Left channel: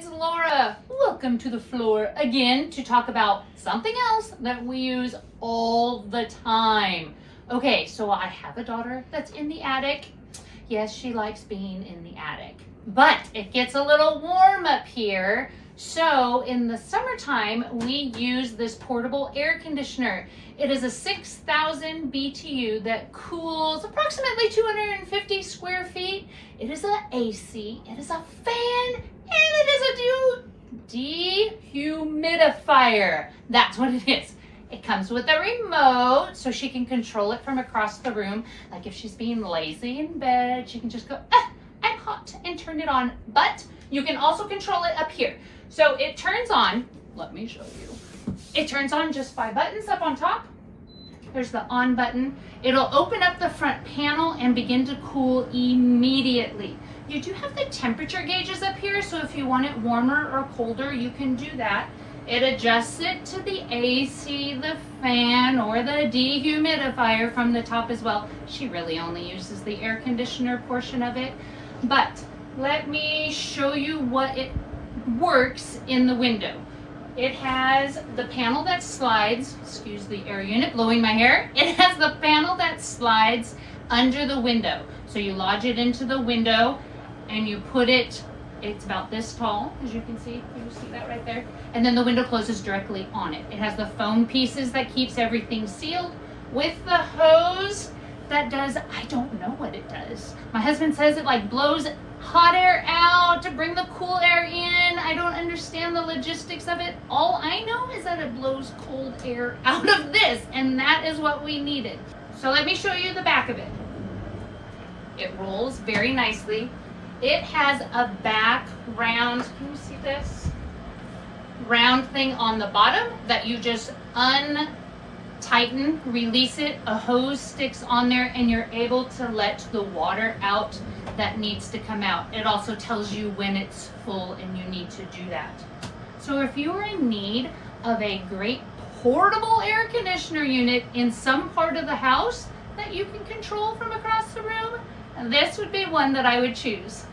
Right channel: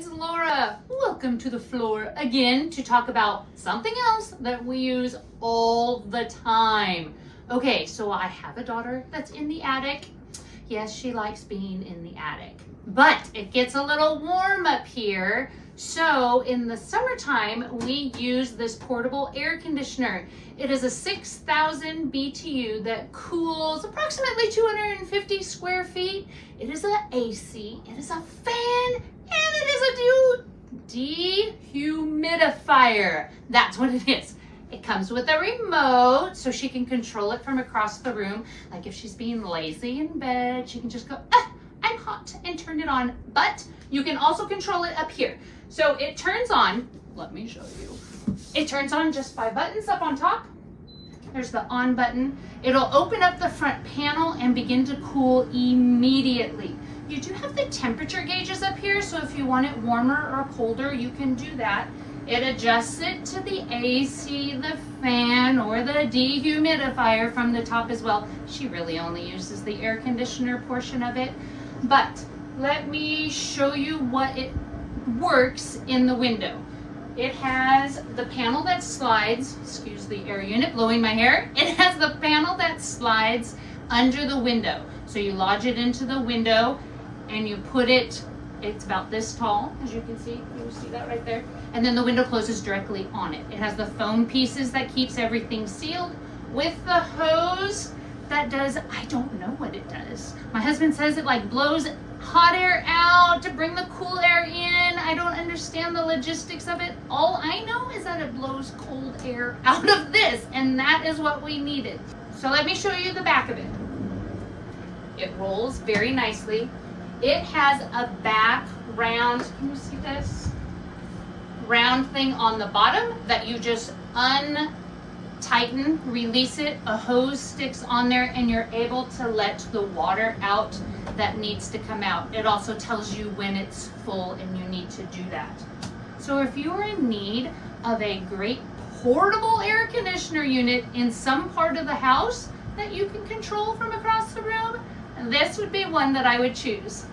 it's Laura. Welcome to the floor again to talk about something else that we use all the time. Okay, so I have a daughter that's in the attic. Yes, she likes being in the attic, but it gets a little warm up here. So in the summertime, we use this portable air conditioner. It is a 6,000 BTU that cools approximately 250 square feet. It is an AC, it is a fan, and it is a dehumidifier. That's what it is. It comes with a remote so she can control it from across the room. Like if she's being lazy in bed, she can just go, I'm hot, and turn it on. But you can also control it up here. So it turns on, let me show you. It turns on just by buttons up on top. There's the on button. It'll open up the front panel and begin to cool immediately. You do have the temperature gauges up here, so if you want it warmer or colder, you can do that. It adjusts it to the AC, the fan, or the dehumidifier from the top as well. She really only uses the air conditioner portion of it. But let me show you what it works in the window. It has the panel that slides, excuse the air unit blowing my hair. It has the panel that slides under the window. So you lodge it into the window and you put it, it's about this tall, as you can see. You see that right there? And then the window closes directly on it. It has the foam pieces that keeps everything sealed with the hose that does, I don't know what it does. My husband says it like blows hot air out to bring the cool air in. I don't understand the logistics of it. All I know is that it blows cold air out of this, and that is what we needed. So let me show you the back of it. It rolls very nicely. It has a back round, can you see this? Round thing on the bottom that you just untighten, release it, a hose sticks on there, and you're able to let the water out that needs to come out. It also tells you when it's full and you need to do that. So if you are in need of a great portable air conditioner unit in some part of the house that you can control from across the room, this would be one that I would choose.